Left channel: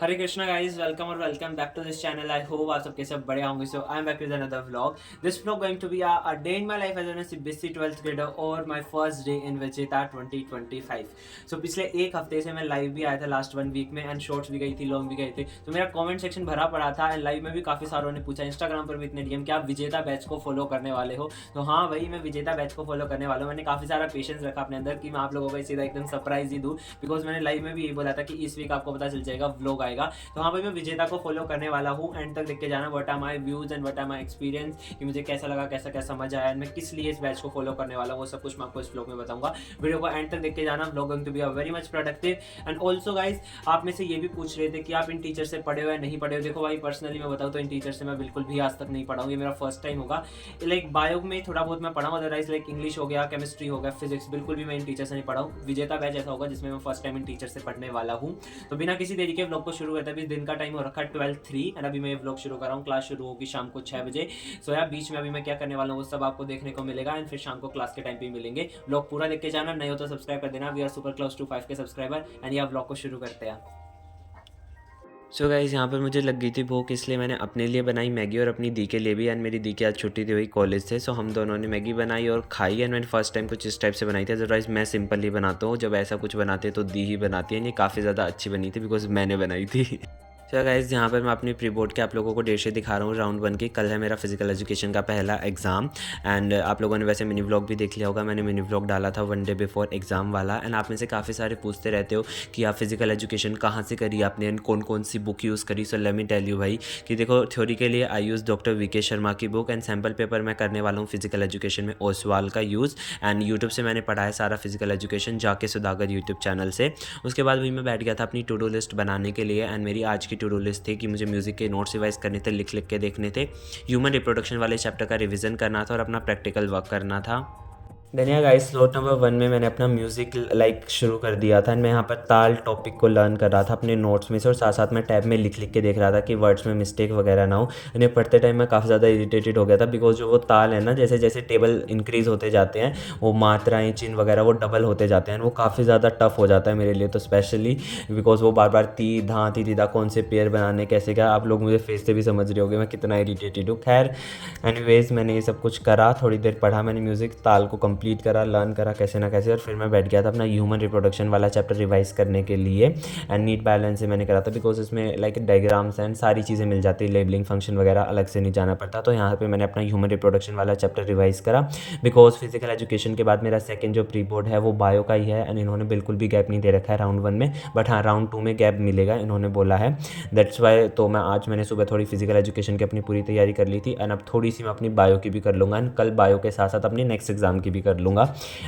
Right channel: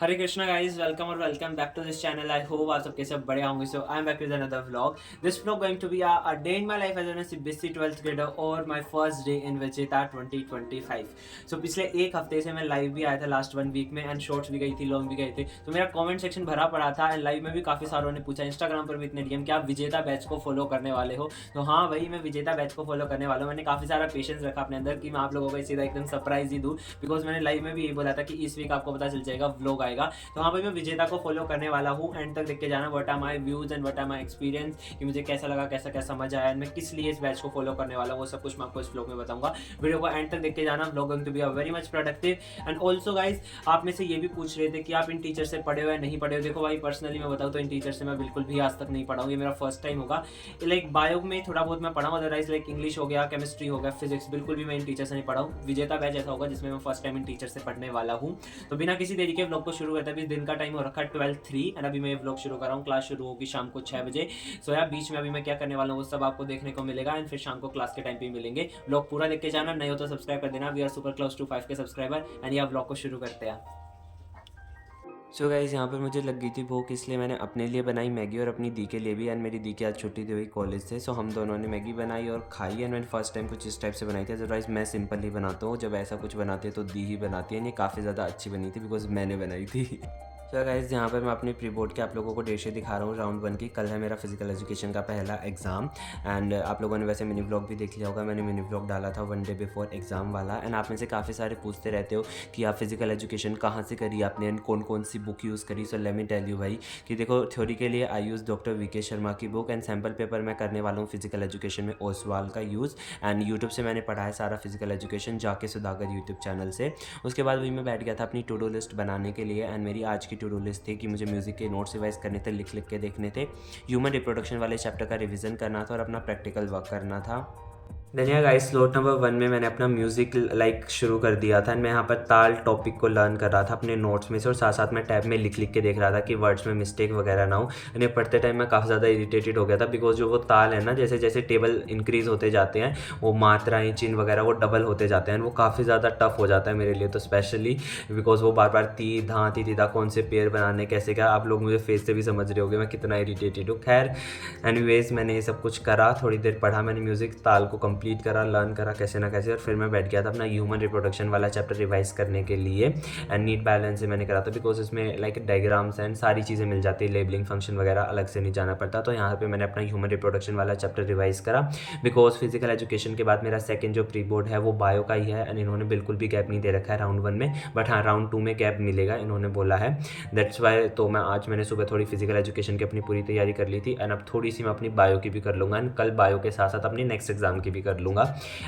हरे Krishna guys, welcome और welcome back to this channel. I hope आप सबके सब बड़े होंगे। So I am back with another vlog. This vlog going to be a day in my life as an CBSE 12th grader और my first day in Vijeta 2025। सो पिछले एक हफ्ते से मैं लाइव भी आया था लास्ट 1 वीक में, एंड शॉर्ट्स भी गई थी, लॉन्ग भी गए थे। तो मेरा कमेंट सेक्शन भरा पड़ा था, एंड लाइव में भी काफी सारों ने पूछा, इंस्टाग्राम पर भी इतने डीएम, क्या आप विजेता बैच को फॉलो करने वाले हो? तो हाँ भाई, मैं विजेता बैच को फॉलो करने वाला हूँ। मैंने काफी सारा पेशेंस रखा अपने अंदर कि मैं आप लोगों को सीधा एकदम सरप्राइज ही दूँ, बिकॉज मैंने लाइव में भी यही बोला था कि इस वीक आपको पता चल जाएगा, व्लॉग आएगा। तो हाँ भाई, मैं विजेता को फॉलो करने वाला हूँ। एंड तक देख के जाना what are my views and what are my experience, कि मुझे कैसा लगा, कैसा क्या समझ आया, मैं किस लिए इस बैच को फॉलो करने वाला हूँ, वो सब कुछ मैं आपको इस व्लॉग में बताऊंगा। वीडियो को एंड तक देख के जाना। Vlog going to be a very much productive. And also guys, आप में से ये भी पूछ रहे थे कि आप इन टीचर से पढ़े हो या नहीं पढ़े हो। देखो भाई, पर्सनली मैं बताऊँ तो इन टीचर से मैं बिल्कुल भी आज तक नहीं पढ़ा हूँ, ये मेरा फर्स्ट टाइम होगा। लाइक बायो में थोड़ा बहुत मैं पढ़ा हूँ, अदरवाइज लाइक इंग्लिश हो गया, केमिस्ट्री हो गया, फिजिक्स, बिल्कुल भी मैं इन टीचर से नहीं पढ़ा हूँ। विजेता बैच ऐसा होगा जिसमें मैं फर्स्ट टाइम इन टीचर से पढ़ने वाला हूँ। तो बिना किसी देरी के व्लॉग को शुरू करते हैं। अभी दिन का टाइम हो रखा है 12:03, एंड अभी मैं ये व्लॉग शुरू कर रहा हूँ। क्लास शुरू होगी शाम को 6 बजे। सो यार, बीच में अभी मैं क्या करने वाला हूँ वो सब आपको देखने को मिलेगा, एंड फिर शाम को क्लास के टाइम पे मिलेंगे। व्लॉग पूरा देख के जाना, नहीं हो तो सब्सक्राइब कर देना। We are super close to 5 K subscriber. And ये व्लॉग को शुरू करते हैं। सो गाइस, यहाँ पर मुझे लग गई थी भूख, इसलिए मैंने अपने लिए बनाई मैगी और अपनी दी के लिए भी। एंड मेरी दी की आज छुट्टी थी वही कॉलेज से, सो हम दोनों ने मैगी बनाई और खाई। एंड मैंने फर्स्ट टाइम कुछ इस टाइप से बनाई थी, अदरवाइज मैं सिंपल ही बनाता हूँ। जब ऐसा कुछ बनाते हैं तो दी ही बनाती है। ये काफ़ी ज़्यादा अच्छी बनी थी बिकॉज मैंने बनाई थी। तो गाइस, यहाँ पर मैं अपनी प्री बोर्ड के आप लोगों को डेट शीट दिखा रहा हूँ राउंड 1 की। कल है मेरा फिजिकल एजुकेशन का पहला एग्जाम। एंड आप लोगों ने वैसे मिनी व्लॉग भी देख लिया होगा, मैंने मिनी व्लॉग डाला था 1 डे बिफोर एग्जाम वाला। एंड आप में से काफ़ी सारे पूछते रहते हो कि आप फिजिकल एजुकेशन कहाँ से करी आपने, कौन कौन सी बुक यूज़ करी। So let me tell you भाई कि देखो, थ्योरी के लिए I use doctor VK Sharma की बुक, एंड सैम्पल पेपर मैं करने वाला हूँ फिजिकल एजुकेशन में ओसवाल का यूज़। एंड यूट्यूब से मैंने पढ़ा है सारा फिजिकल एजुकेशन, जाके सुधाकर यूट्यूब चैनल से। उसके बाद भी मैं बैठ गया था अपनी टू डू लिस्ट बनाने के लिए। एंड मेरी आज की टू डू लिस्ट थी कि मुझे म्यूज़िक के नोट्स रिवाइज करने थे, लिख लिख के देखने थे, ह्यूमन रिप्रोडक्शन वाले चैप्टर का रिवीजन करना था और अपना प्रैक्टिकल वर्क करना था। धनिया गाइस, स्लॉट नंबर 1 में मैंने अपना म्यूज़िक लाइक शुरू कर दिया था। मैं यहाँ पर ताल टॉपिक को लर्न कर रहा था अपने नोट्स में से, और साथ साथ मैं टैब में लिख लिख के देख रहा था कि वर्ड्स में मिस्टेक वगैरह ना हो। इन्हें पढ़ते टाइम मैं काफ़ी ज़्यादा इरिटेटेड हो गया था, बिकॉज जो वो ताल है ना, जैसे जैसे टेबल इंक्रीज़ होते जाते हैं, वो मात्राएँ चिन्ह वगैरह वो डबल होते जाते हैं। वो काफ़ी ज़्यादा टफ हो जाता है मेरे लिए तो, स्पेशली बिकॉज वो बार बार ती धा ती दी दा कौन से पेयर बनाने कैसे, क्या आप लोग मुझे फेस से भी समझ रहे होगे मैं कितना इरिटेटेड हूँ। खैर, एनीवेज मैंने ये सब कुछ करा, थोड़ी देर पढ़ा मैंने म्यूज़िक, ताल को कंप्लीट करा, लर्न करा कैसे ना कैसे, और फिर मैं बैठ गया था अपना ह्यूमन रिप्रोडक्शन वाला चैप्टर रिवाइज करने के लिए। एंड नीट बैलेंस से मैंने करा था, बिकॉज इसमें लाइक डायग्राम्स एंड सारी चीज़ें मिल जाती है, लेबलिंग फंक्शन वगैरह अलग से नहीं जाना पड़ता। तो यहाँ पे मैंने अपना ह्यूमन रिप्रोडक्शन वाला चैप्टर रिवाइज करा, बिकॉज फिजिकल एजुकेशन के बाद मेरा सेकंड जो प्री बोर्ड है वो बायो का ही है। एंड इन्होंने बिल्कुल भी गैप नहीं दे रखा है राउंड 1 में, बट हाँ राउंड 2 में गैप मिलेगा इन्होंने बोला है। दैट्स वाई तो मैंने सुबह थोड़ी फिजिकल एजुकेशन की अपनी पूरी तैयारी कर ली थी, एंड अब थोड़ी सी मैं अपनी बायो की भी कर लूँगा, एंड कल बायो के साथ साथ अपनी नेक्स्ट एग्जाम की भी कर लूँगा।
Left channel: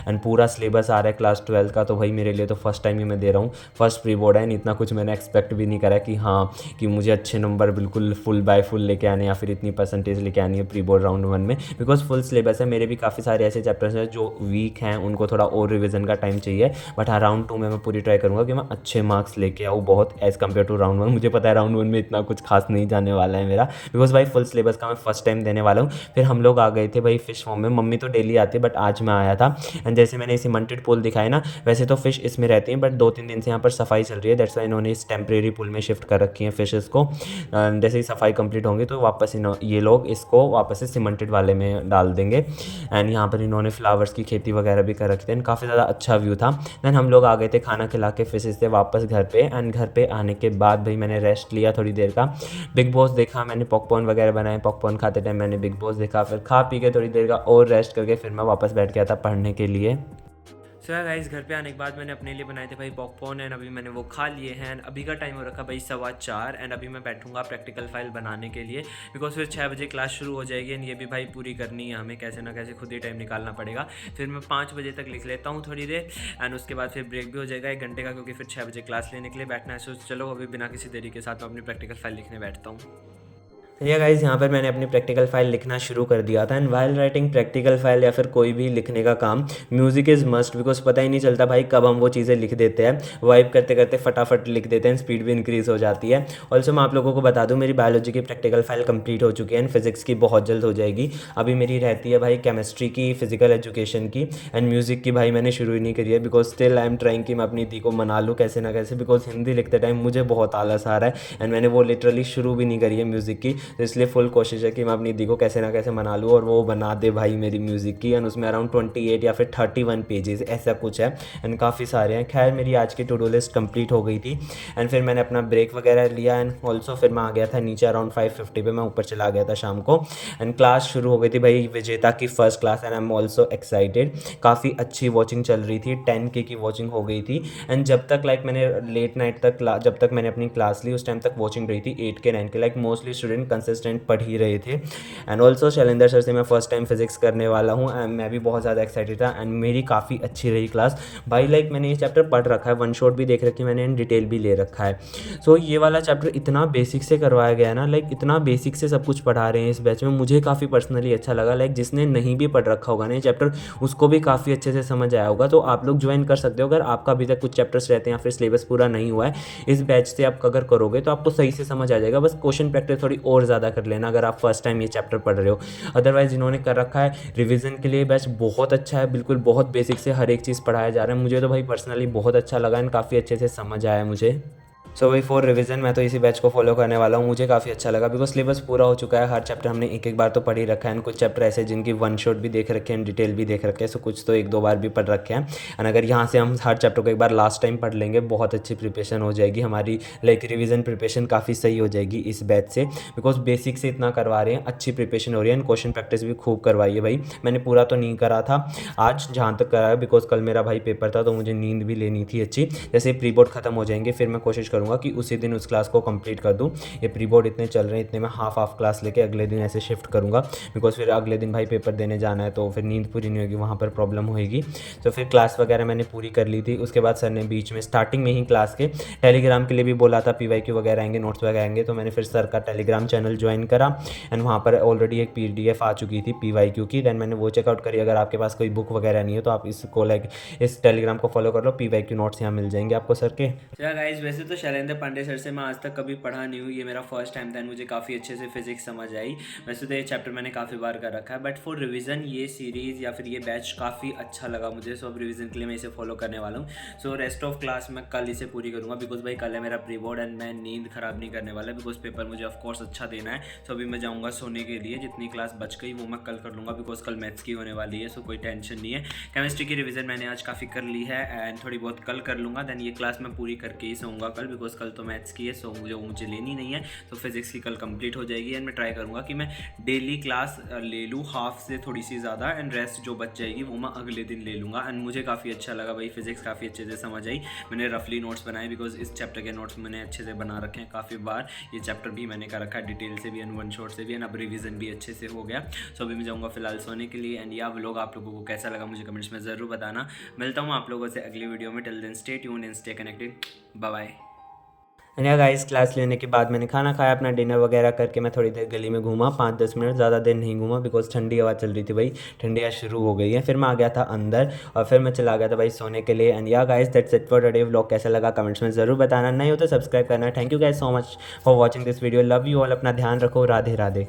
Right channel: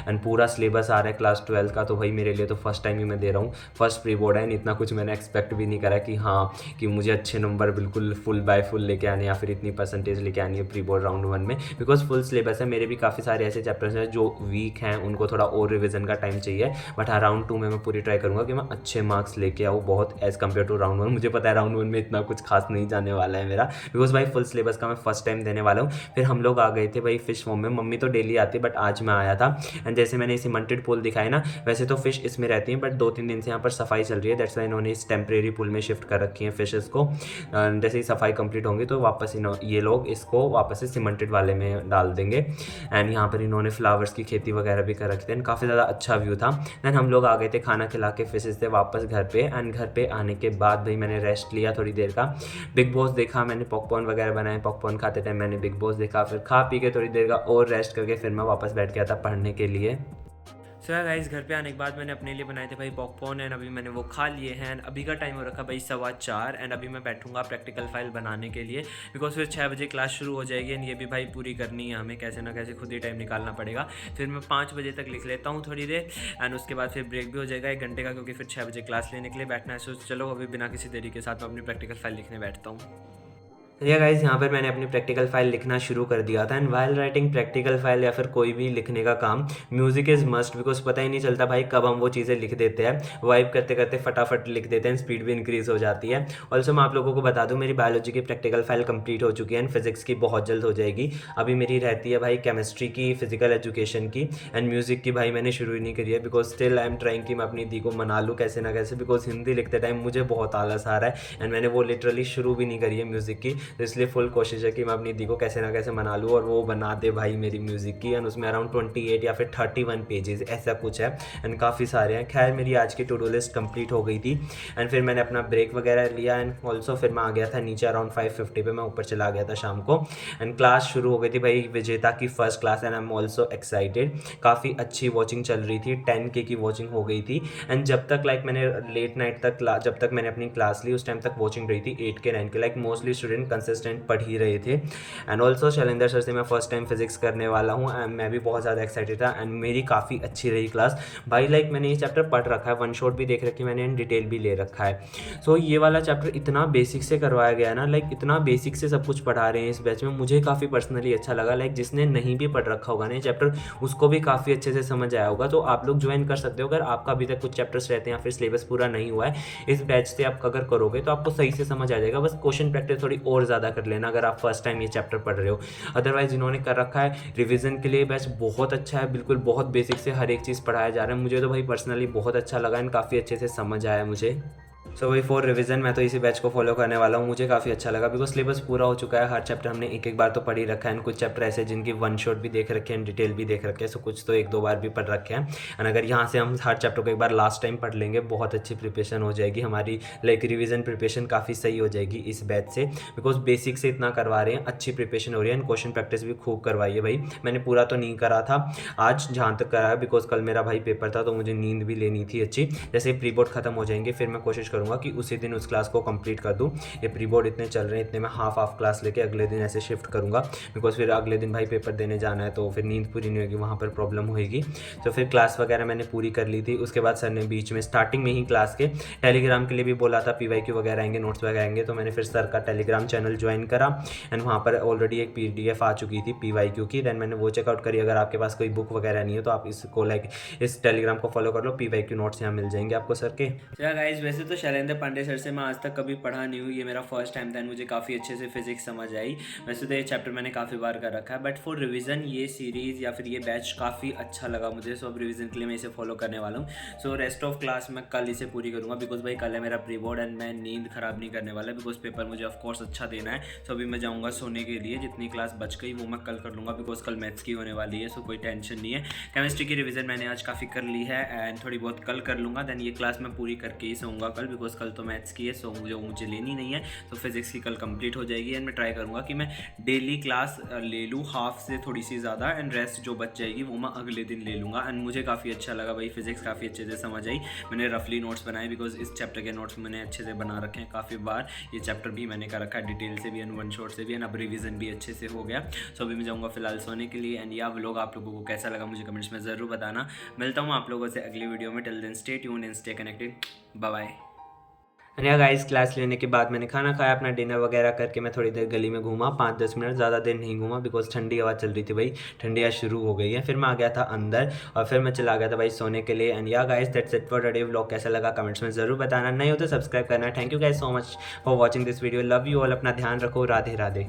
एंड पूरा सिलेबस आ रहा है क्लास 12 का, तो भाई मेरे लिए तो फर्स्ट टाइम ही मैं दे रहा हूँ, फर्स्ट प्री बोर्ड है। एंड इतना कुछ मैंने एक्सपेक्ट भी नहीं करा कि हाँ कि मुझे अच्छे नंबर बिल्कुल फुल बाय फुल लेके आने, या फिर इतनी परसेंटेज लेके आनी है प्री बोर्ड राउंड 1 में, बिकॉज फुल सिलेबस है। मेरे भी काफ़ी सारे ऐसे चैप्टर्स हैं जो वीक हैं, उनको थोड़ा और रिविजन का टाइम चाहिए। बट हाँ, राउंड 2 में मैं पूरी ट्राई करूँगा कि मैं अच्छे मार्क्स लेके आऊँ बहुत, एज़ कम्पेयर टू राउंड 1। मुझे पता है राउंड 1 में इतना कुछ खास नहीं जाने वाला है मेरा, बिकॉज भाई फुल सिलेबस का मैं फर्स्ट टाइम देने वाला हूँ। फिर हम लोग आ गए थे भाई फिश फॉर्म में, मम्मी तो डेली आती है बट आज मैं आया था। एंड जैसे मैंने सीमेंटेड पूल दिखाया ना, वैसे तो फिश इसमें रहती हैं, बट 2-3 दिन से यहाँ पर सफाई चल रही है, दैट्स वाई इन्होंने इस टेम्परेरी पूल में शिफ्ट कर रखी है फिशेस को। जैसे ही सफाई कंप्लीट होंगी तो वापस ये लोग इसको वापस से सीमेंटेड वाले में डाल देंगे। एंड यहाँ पर इन्होंने फ्लावर्स की खेती वगैरह भी कर रखी थी, एंड काफ़ी ज़्यादा अच्छा व्यू था। देन हम लोग आ गए थे खाना खिला के फिशेस से वापस घर पे। एंड घर पे आने के बाद भाई मैंने रेस्ट लिया थोड़ी देर का, बिग बॉस देखा मैंने, पॉपकॉर्न वगैरह बनाए, पॉपकॉर्न खाते टाइम मैंने बिग बॉस देखा, फिर खा पी के थोड़ी देर का और रेस्ट करके फिर मैं वापस बैठ गया था पढ़ने के लिए। सो यार गाइस, घर पे आने के बाद मैंने अपने लिए बनाए थे भाई पॉपकॉर्न, एंड अभी मैंने वो खा लिए हैं। एंड अभी का टाइम हो रखा भाई 4:15, एंड अभी मैं बैठूंगा प्रैक्टिकल फाइल बनाने के लिए, बिकॉज फिर 6 बजे क्लास शुरू हो जाएगी, एंड ये भी भाई पूरी करनी है हमें, कैसे ना कैसे खुद ही टाइम निकालना पड़ेगा। फिर मैं 5 बजे तक लिख लेता हूँ थोड़ी देर, एंड उसके बाद फिर ब्रेक भी हो जाएगा 1 घंटे का, क्योंकि फिर 6 बजे क्लास लेने के लिए बैठना है। सो चलो अभी बिना किसी देरी के साथ मैं अपनी प्रैक्टिकल फाइल लिखने बैठता हूँ। या गाइस यहाँ पर मैंने अपनी प्रैक्टिकल फाइल लिखना शुरू कर दिया था। And while writing practical file या फिर कोई भी लिखने का काम, म्यूज़िक इज़ मस्ट, बिकॉज पता ही नहीं चलता भाई कब हम वो चीज़ें लिख देते हैं, वाइप करते करते फटाफट लिख देते हैं, स्पीड भी इंक्रीज़ हो जाती है। ऑल्सो मैं आप लोगों को बता दूँ, मेरी बायोलॉजी की प्रैक्टिकल फाइल कंप्लीट हो चुकी है एंड फिजिक्स की बहुत जल्द हो जाएगी। अभी मेरी रहती है भाई केमिस्ट्री की, फिजिकल एजुकेशन की एंड म्यूज़िक की भाई मैंने शुरू ही नहीं करी है, because still I am trying कि मैं अपनी दी को मना लूँ कैसे ना कैसे, बिकॉज हिंदी लिखते टाइम मुझे बहुत आलस आ रहा है एंड मैंने वो लिटरली शुरू भी नहीं करी है म्यूज़िक की। तो इसलिए फुल कोशिश है कि मैं अपनी दी को कैसे ना कैसे मना लूँ और वो बना दे भाई मेरी म्यूज़िक की। एंड उसमें अराउंड 28 या फिर 31 पेजेस ऐसा कुछ है एंड काफ़ी सारे हैं। खैर मेरी आज की टू डू लिस्ट कंप्लीट हो गई थी एंड फिर मैंने अपना ब्रेक वगैरह लिया एंड ऑल्सो फिर मैं आ गया था नीचे अराउंड 5:50 पे, मैं ऊपर चला गया था शाम को एंड क्लास शुरू हो गई थी भाई, विजेता की first class and I am also excited. काफ़ी अच्छी वॉचिंग चल रही थी, 10K की वॉचिंग हो गई थी एंड जब तक लाइक मैंने लेट नाइट तक जब तक मैंने अपनी क्लास ली उस टाइम तक वॉचिंग रही थी 8K 9K, like mostly student consistent पढ़ ही रहे थे। एंड ऑल्सो शैलेंद्र सर से मैं फर्स्ट टाइम फिजिक्स करने वाला हूँ एंड मैं भी बहुत ज़्यादा एक्साइटेड था एंड मेरी काफ़ी अच्छी रही क्लास भाई। लाइक मैंने ये चैप्टर पढ़ रखा है, वन शॉट भी देख रखी है मैंने एंड डिटेल भी ले रखा है। सो ये वाला चैप्टर इतना बेसिक से करवाया गया है ना, लाइक इतना बेसिक से सब कुछ पढ़ा रहे हैं इस बैच में, मुझे काफ़ी पर्सनली अच्छा लगा। लाइक जिसने नहीं भी पढ़ रखा होगा ना ये चैप्टर, उसको भी काफ़ी अच्छे से समझ आया होगा। तो आप लोग ज्वाइन कर सकते हो अगर आपका अभी तक कुछ चैप्टर्स रहते हैं या फिर सिलेबस पूरा नहीं हुआ है। इस बैच से आप अगर करोगे तो आपको सही से समझ आ जाएगा। बस क्वेश्चन प्रैक्टिस थोड़ी और ज़्यादा कर लेना अगर आप फर्स्ट टाइम ये चैप्टर पढ़ रहे हो। अदरवाइज़ इन्होंने कर रखा है रिवीजन के लिए बैच बहुत अच्छा है, बिल्कुल बहुत बेसिक से हर एक चीज़ पढ़ाया जा रहा है। मुझे तो भाई पर्सनली बहुत अच्छा लगा एंड काफ़ी अच्छे से समझ आया मुझे। सो वही फॉर रिवीजन मैं तो इसी बैच को फॉलो करने वाला हूँ, मुझे काफ़ी अच्छा लगा बिकॉज सिलेबस पूरा हो चुका है। हर चैप्टर हमने एक एक बार तो पढ़ ही रखा है एंड कुछ चैप्टर ऐसे जिनकी वन शॉट भी देख रखे हैं, डिटेल भी देख रखे हैं, सो कुछ तो एक दो बार भी पढ़ रखे हैं। एंड अगर यहाँ से हम हर चैप्टर को एक बार लास्ट टाइम पढ़ लेंगे, बहुत अच्छी प्रिपरेशन हो जाएगी हमारी, लाइक रिवीजन प्रिपरेशन काफ़ी सही हो जाएगी इस बैच से, बिकॉज बेसिक से इतना करवा रहे हैं, अच्छी प्रिपरेशन हो रही है एंड क्वेश्चन प्रैक्टिस भी खूब करवाई है भाई। मैंने पूरा तो नहीं करा था आज जहाँ तक करा है, बिकॉज कल मेरा भाई पेपर था तो मुझे नींद भी लेनी थी अच्छी। जैसे प्री बोर्ड खत्म हो जाएंगे फिर मैं कोशिश करूँगा कि उसी दिन क्लास को कंप्लीट कर दूं। ये प्री बोर्ड इतने चल रहे हैं, इतने में हाफ क्लास लेके अगले दिन ऐसे शिफ्ट करूंगा, बिकॉज फिर अगले दिन भाई पेपर देने जाना है तो फिर नींद पूरी नहीं होगी, वहाँ पर प्रॉब्लम होगी। तो फिर क्लास वगैरह मैंने पूरी कर ली थी। उसके बाद सर ने बीच में स्टार्टिंग में ही क्लास के टेलीग्राम के लिए भी बोला था, PYQ वगैरह आएंगे, नोट्स वगैरह आएंगे, तो मैंने फिर सर का टेलीग्राम चैनल ज्वाइन करा एंड वहाँ पर ऑलरेडी एक PDF आ चुकी थी PYQ की। दैन मैंने वो चेकआउट करी। अगर आपके पास कोई बुक वगैरह नहीं है तो आप इसको लाइक इस टेलीग्राम को फॉलो कर लो, PYQ नोट्स यहाँ मिल जाएंगे आपको सर के। गाइस वैसे तो शैलेंद्र पांडे सर से मैं आज तक कभी पढ़ा नहीं हूँ, ये मेरा फर्स्ट टाइम था एंड मुझे काफ़ी अच्छे से फिजिक्स समझ आई। वैसे तो ये चैप्टर मैंने काफ़ी बार कर रखा है, बट फॉर रिवीजन ये सीरीज़ या फिर ये बैच काफ़ी अच्छा लगा मुझे। सो अब रिवीजन के लिए मैं इसे फॉलो करने वाला हूँ। सो रेस्ट ऑफ क्लास मैं कल इसे पूरी करूँगा, बिकॉज भाई कल है मेरा प्री बोर्ड एंड मैं नींद ख़राब नहीं करने वाला, बिकॉज पेपर मुझे ऑफकोर्स अच्छा देना है। सो अभी मैं जाऊँगा सोने के लिए, जितनी क्लास बच गई वो मैं कल कर लूँगा, बिकॉज कल मैथ्स की होने वाली है, सो कोई टेंशन नहीं है। केमिस्ट्री की रिवीजन मैंने आज काफ़ी कर ली है एंड थोड़ी बहुत कल कर लूँगा। दैन ये क्लास मैं पूरी करके ही सोऊंगा कल, बिकॉज कल तो मैथ्स की है, सो मुझे लेनी नहीं है। तो फिजिक्स की कल कंप्लीट हो जाएगी एंड मैं ट्राई करूँगा कि मैं डेली क्लास ले लूँ, हाफ से थोड़ी सी ज़्यादा, एंड रेस्ट जो बच जाएगी वो मैं अगले दिन ले लूँगा। एंड मुझे काफ़ी अच्छा लगा भाई, फिजिक्स काफ़ी अच्छे से समझ आई। मैंने रफली नोट्स बनाए, बिकॉज इस चैप्टर के नोट्स मैंने अच्छे से बना रखे हैं काफ़ी बार। ये चैप्टर भी मैंने कर रखा है डिटेल से भी एंड वन शॉट से भी, एंड अब रिवीजन भी अच्छे से हो गया। सो अभी मैं जाऊँगा फिलहाल सोने के लिए। एंड यह व्लॉग आप लोगों को कैसा लगा मुझे कमेंट्स में ज़रूर बताना। मिलता हूँ आप लोगों से अगली वीडियो में। Till then stay tuned and stay connected. Bye bye. And या गाइस क्लास लेने के बाद मैंने खाना खाया, अपना डिनर वगैरह करके मैं थोड़ी देर गली में घूमा, 5-10 मिनट, ज़्यादा देर नहीं घूमा बिकॉज ठंडी हवा चल रही थी भाई, ठंडी हवा शुरू हो गई है। फिर मैं आ गया था अंदर और फिर मैं चला गया था भाई सोने के लिए। एंड या guys that's it for today vlog. कैसा लगा कमेंट्स में ज़रूर बताना, नहीं हो तो सब्सक्राइब करना। Thank you guys so much for watching this video. Love you all, अपना ध्यान रखो, राधे राधे।